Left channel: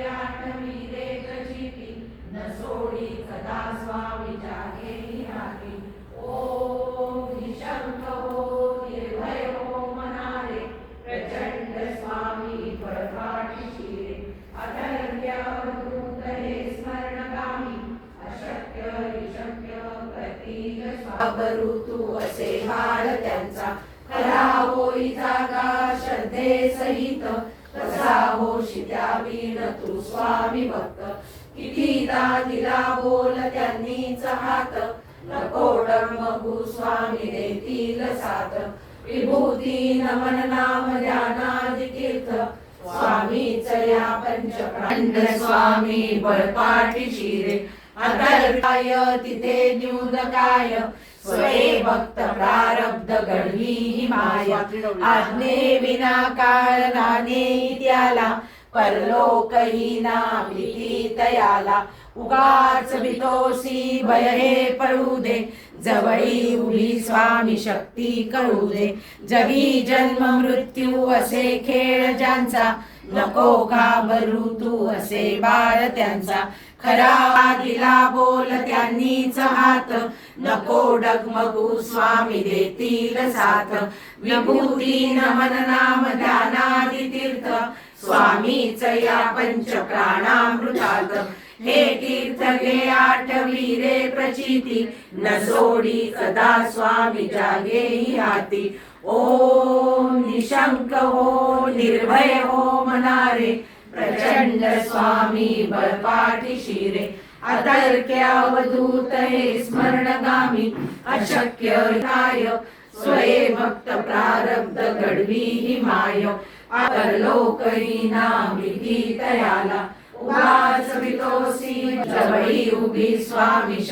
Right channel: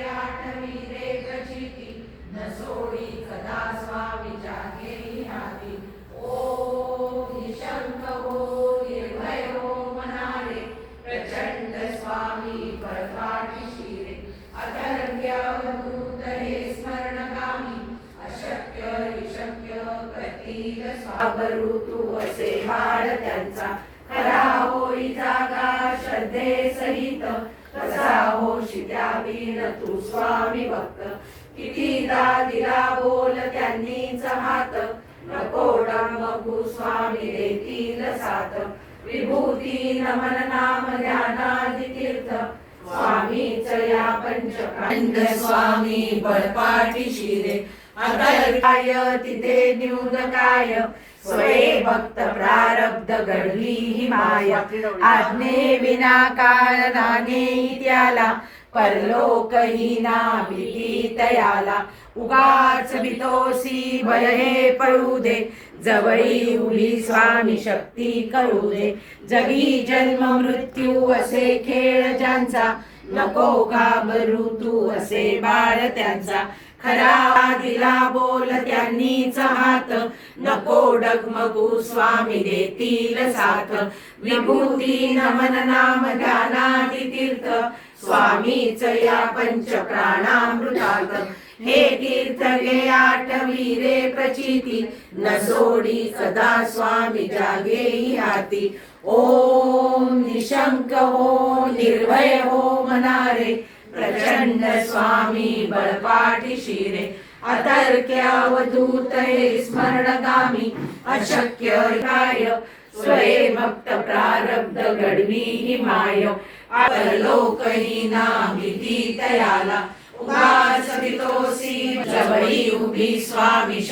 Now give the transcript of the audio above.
आठवी रे प्रचिती न सोडी कदा स्वामी जागे हाती. ओम निशंक हो निर्भय हो मनारे प्रचंड स्वामी बळकाठी शिरे. अथर्व्य अवधूत हे स्मरणगामी अशक्य निशक्य प्रतील स्वावरू तू असे बाळ त्यांचा. खरा होई जागा श्रद्धे सहित कसा होशी द्यावी न तू स्वामी भक्त. कितीदा दिला बोल त्यांनीच हात नको डगमगू स्वामी देतील साथ. विभूती नमन नाम ध्यानादि तीर्थ स्वामीच या पंचप्रांड स्वामी बळपाठी शिरे. अथर्वाय तिथे न्यूनकाय स्वये भक्त प्रारब्ध घडवी ही माया. आज्ञे विना कारणाने त्याला परलोकही ना भीती तयाला. उगाच भीतोसी भय हे पळू दे जवळी उभी स्वामी शक्ती कळू दे. जगी जन्म मृत्यू असे खेळ ज्यांचा नको घाबरू तू असे बाळ त्यांचा. खरा दिला बोल त्यांनीच हात नको डगमगू स्वामी देतील साथ. विभूती नमन नाम ध्यानादि तीर्थ स्वामीच या पंच प्राणामृतात. हे तीर्थ घे आठवी रे प्रचिती न सोडी कदा स्वामी जागे हाती. ओम निशंक हो निर्भय हो मनारे प्रचंड स्वामी बळपाठी शिरे. अतर्क्य अवधूत हे स्मरणगामी अशक्य काय स्वये भक्त प्रारब्ध घडवी ही माय. परलोकही ना भीती तयाला. उगाच भीतोसी जवळी उभी स्वामी